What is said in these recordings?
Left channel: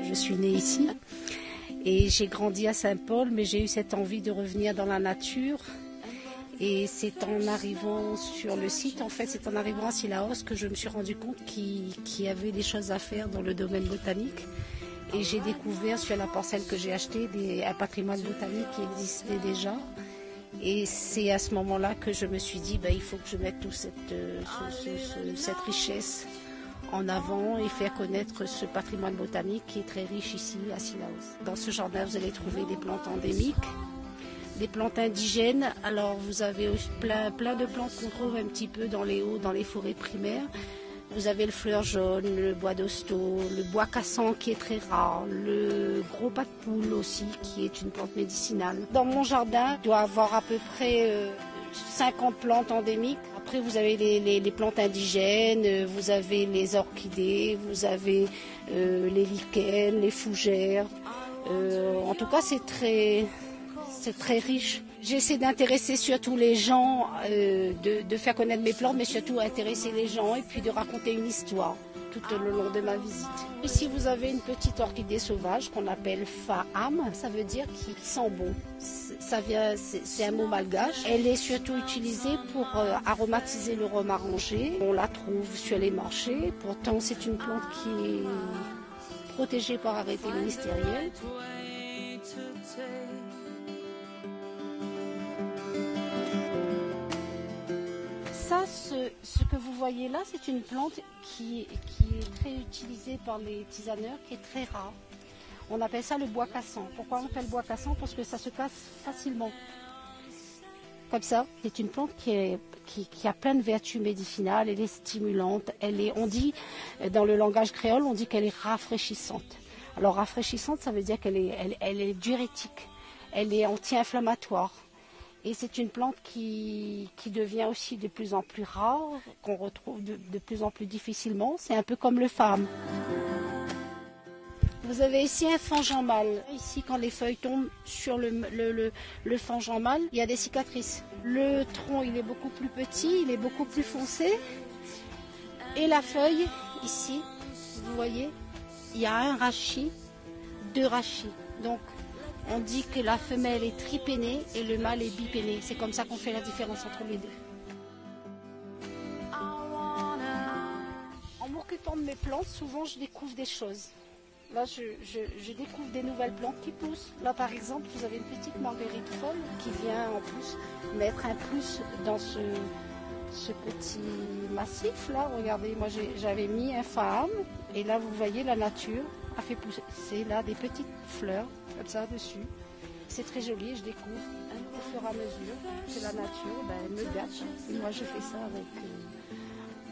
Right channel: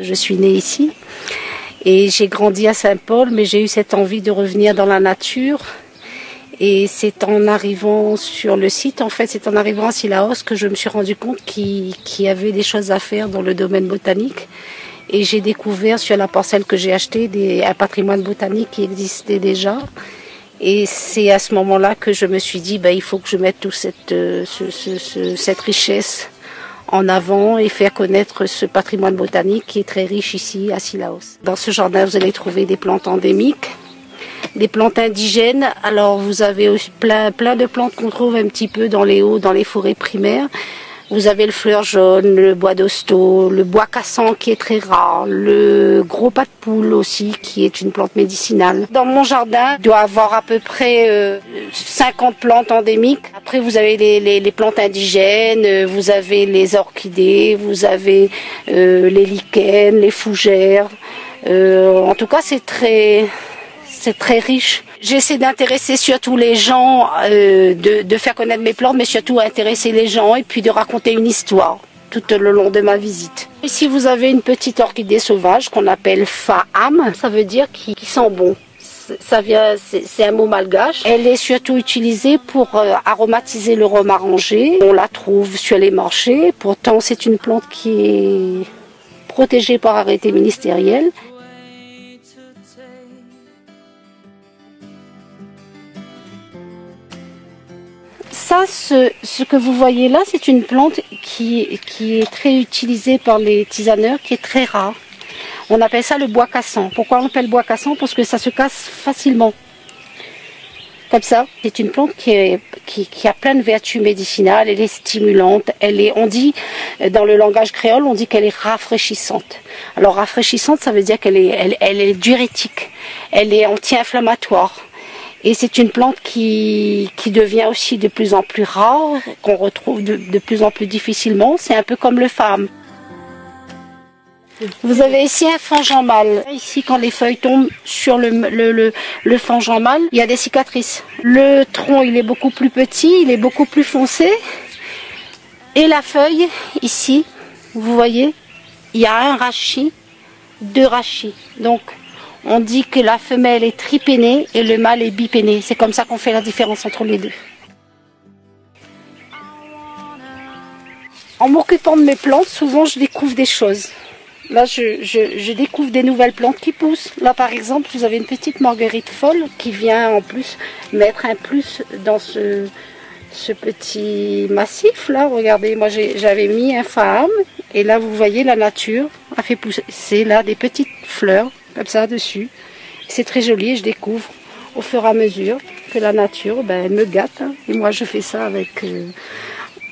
Je suis née ici et j'ai grandi à Saint-Paul, mais j'ai eu cette envie de revenir dans la nature. Et c'est en arrivant sur le site, en fait, c'est en arrivant à Cilaos que je me suis rendu compte qu'il y avait des choses à faire dans le domaine botanique. Et j'ai découvert sur la parcelle que j'ai achetée un patrimoine botanique qui existait déjà. Et c'est à ce moment-là que je me suis dit, il faut que je mette toute cette richesse en avant et faire connaître ce patrimoine botanique qui est très riche ici à Cilaos. Dans ce jardin, vous allez trouver des plantes endémiques, des plantes indigènes. Alors vous avez plein de plantes qu'on trouve un petit peu dans les hauts, dans les forêts primaires. Vous avez le fleur jaune, le bois d'hosto, le bois cassant qui est très rare, le gros pas de poule aussi qui est une plante médicinale. Dans mon jardin, il doit y avoir à peu près 50 plantes endémiques. Après vous avez les plantes indigènes, vous avez les orchidées, vous avez les lichens, les fougères. En tout cas c'est très riche. J'essaie d'intéresser surtout les gens, de faire connaître mes plantes, mais surtout intéresser les gens et puis de raconter une histoire tout le long de ma visite. Ici vous avez une petite orchidée sauvage qu'on appelle Faham, ça veut dire qui sent bon. C'est un mot malgache. Elle est surtout utilisée pour aromatiser le rhum arrangé. On la trouve sur les marchés. Pourtant c'est une plante qui est protégée par arrêté ministériel. Ça, ce que vous voyez là, c'est une plante qui est très utilisée par les tisaneurs, qui est très rare. On appelle ça le bois cassant. Pourquoi on appelle bois cassant? Parce que ça se casse facilement. Comme ça, c'est une plante qui a plein de vertus médicinales, elle est stimulante, on dit, dans le langage créole, on dit qu'elle est rafraîchissante. Alors rafraîchissante, ça veut dire qu'elle est diurétique, elle est anti-inflammatoire. Et c'est une plante qui devient aussi de plus en plus rare, qu'on retrouve de plus en plus difficilement. C'est un peu comme le femme. Vous avez ici un fangeant mâle. Ici, quand les feuilles tombent sur le fangeant mâle, il y a des cicatrices. Le tronc, il est beaucoup plus petit, il est beaucoup plus foncé. Et la feuille, ici, vous voyez, il y a un rachis, 2 rachis. Donc, on dit que la femelle est tripénée et le mâle est bipéné. C'est comme ça qu'on fait la différence entre les deux. En m'occupant de mes plantes, souvent je découvre des choses. Là, je découvre des nouvelles plantes qui poussent. Là, par exemple, vous avez une petite marguerite folle qui vient en plus mettre un plus dans ce petit massif. Là, regardez, moi j'avais mis un phaham et là, vous voyez, la nature a fait pousser là des petites fleurs comme ça dessus. C'est très joli et je découvre au fur et à mesure que la nature me gâte. Et moi je fais ça avec...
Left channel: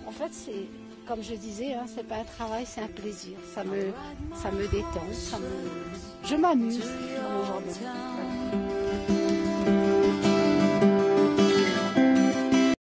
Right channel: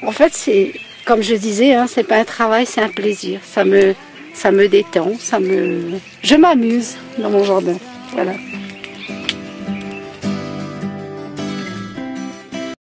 En fait c'est, comme je disais, c'est pas un travail, c'est un plaisir. Ça me détend, je m'amuse dans mon jardin. Voilà.